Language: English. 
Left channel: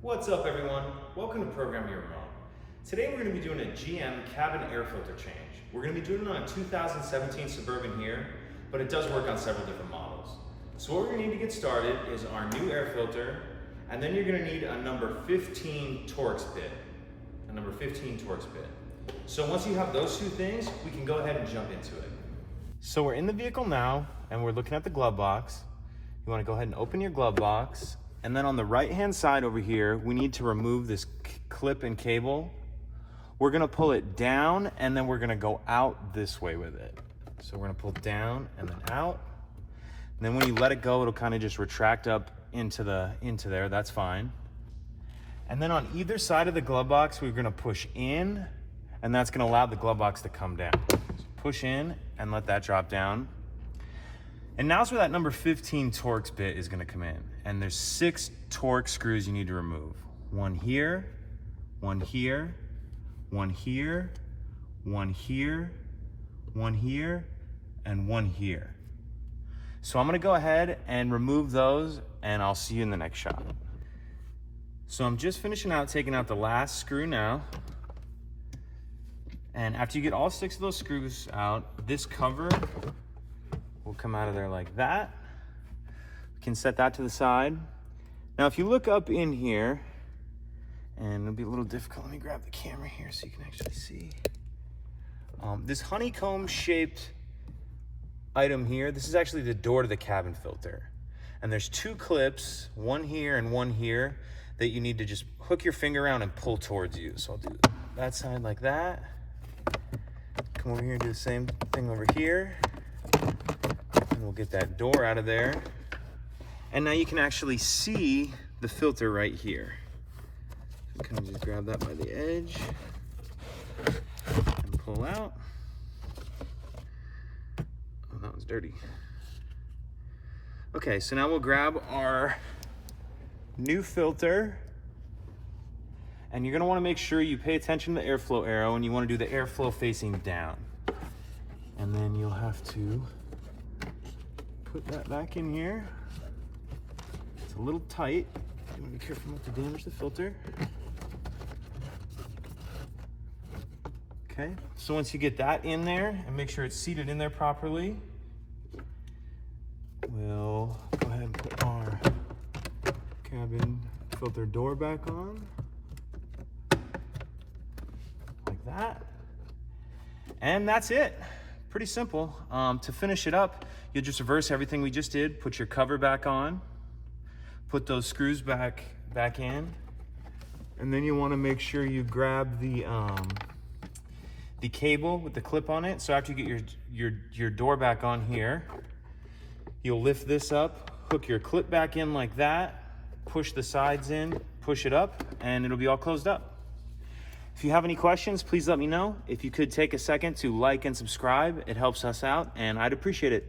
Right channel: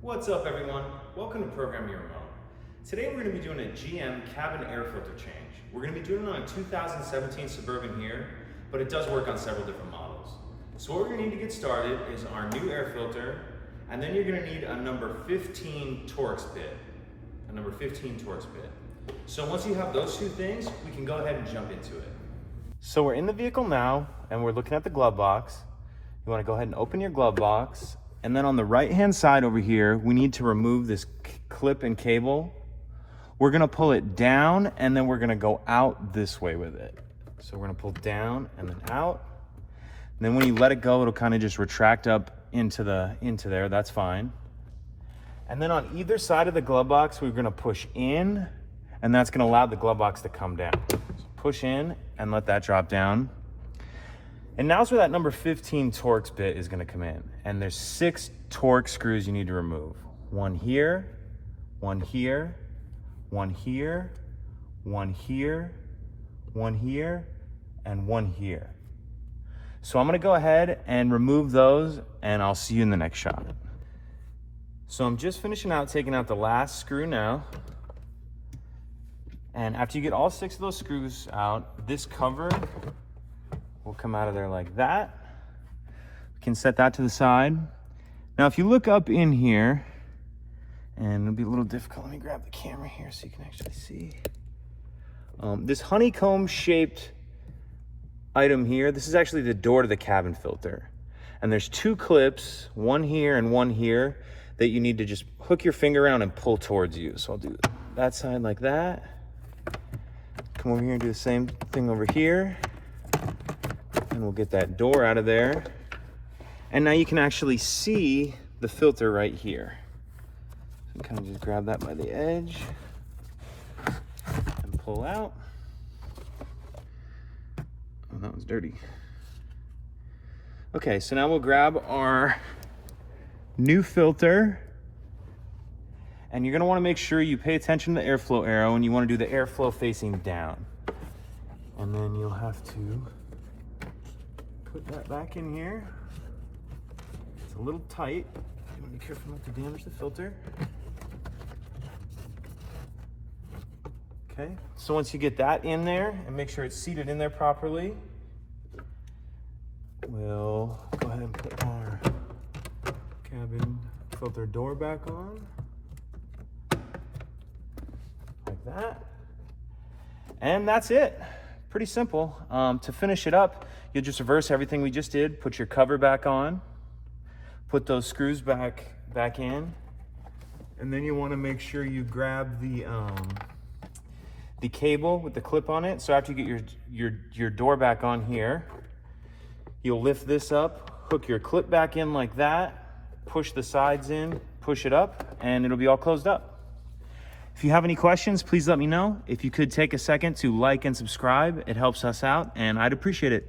What's up everyone? Welcome to Program Your Remote. Today we're going to be doing a GM cabin air filter change. We're going to be doing it on a 2017 Suburban here, but it does work on several different models. So what we're going to need to get started is our new air filter, and then you're going to need a number 15 Torx bit. A number 15 Torx bit. So once you have those two things, we can go ahead and jump into it. So we're in the vehicle now, and we're looking at the glove box. You want to go ahead and open your glove box. And then on the right hand side over here, we need to remove this clip and cable. We're gonna pull it down and then we're gonna go out this way with it. So we're gonna pull down and then out. And then when you let it go, it'll kind of just retract up into there, that's fine. And then on either side of the glove box, we're gonna push in, and that's gonna allow the glove box to come down. So push in and let that drop down. And now's where that number 15 Torx bit is gonna come in. And there's 6 Torx screws you need to remove. One here, one here, one here, one here, one here, and one here. So I'm gonna go ahead and remove those, and I'll see you in the next shot. So I'm just finishing out taking out the last screw now. And after you get all 6 of those screws out, this cover will come out of there like that. You can set that to the side. Now if you look up in here, and it'll be a little difficult, let me grab the camera here so you can actually see. This honeycomb shaped item here, this is actually the door to the cabin filter. And there's 2 clips, one here and one here, that you need to just hook your finger around and pull towards you. So I'll do that side like that. Come over here and do the same thing over here. And we'll get that door out of there. And now you can actually see the filter right here. So kind of just grab that by the edge and pull out. Oh, that was dirty. Okay, so now we'll grab our new filter, and you're gonna wanna make sure you pay attention to the airflow arrow, and you wanna do the airflow facing down. And then you'll have to put that back in here. It's a little tight. You want to be careful not to damage the filter. Okay, so once you get that in there and make sure it's seated in there properly, we'll go ahead and put our cabin filter door back on. Like that. And that's it. Pretty simple. To finish it up, you'll just reverse everything we just did, put your cover back on, put those screws back in, and then you want to make sure you grab the cable with the clip on it. So after you get your door back on here, you'll lift this up, hook your clip back in like that, push the sides in, push it up, and it'll be all closed up. If you have any questions, please let me know. If you could take a second to like and subscribe, it helps us out, and I'd appreciate it.